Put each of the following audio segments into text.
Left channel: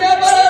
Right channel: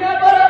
Never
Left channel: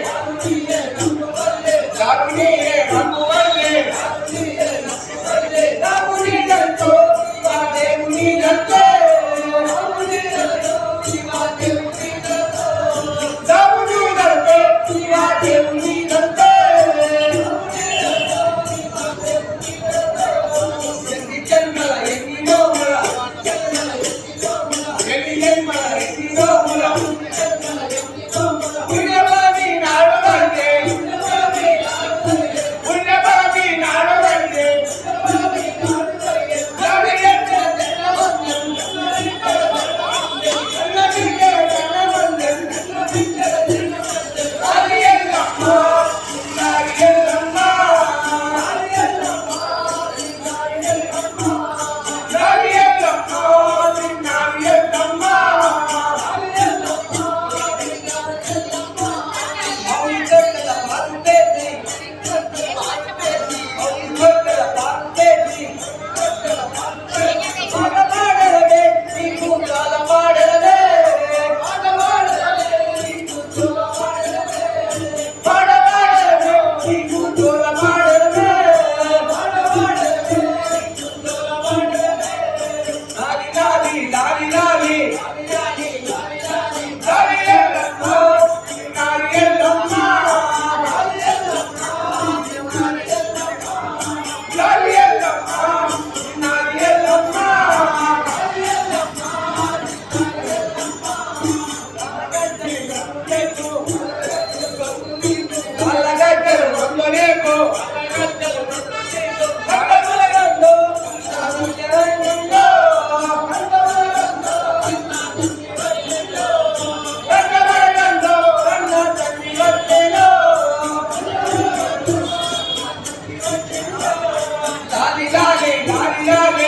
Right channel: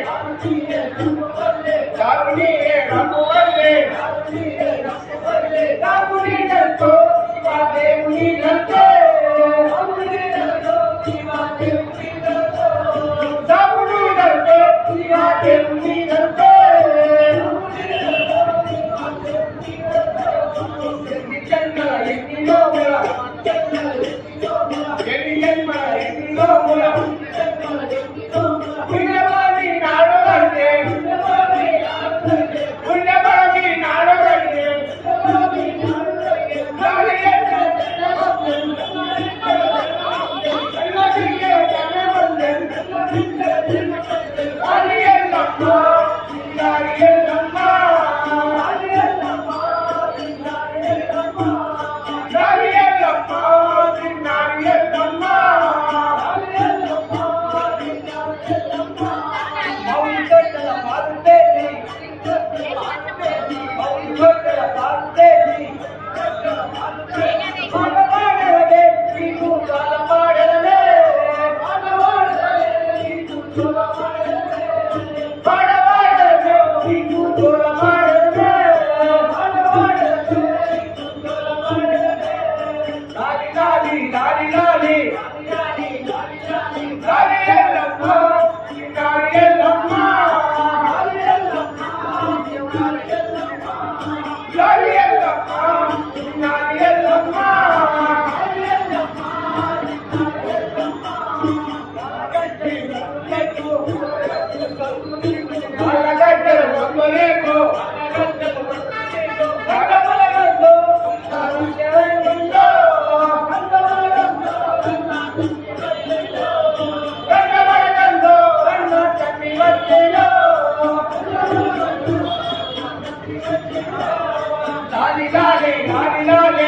Yeah. I love it.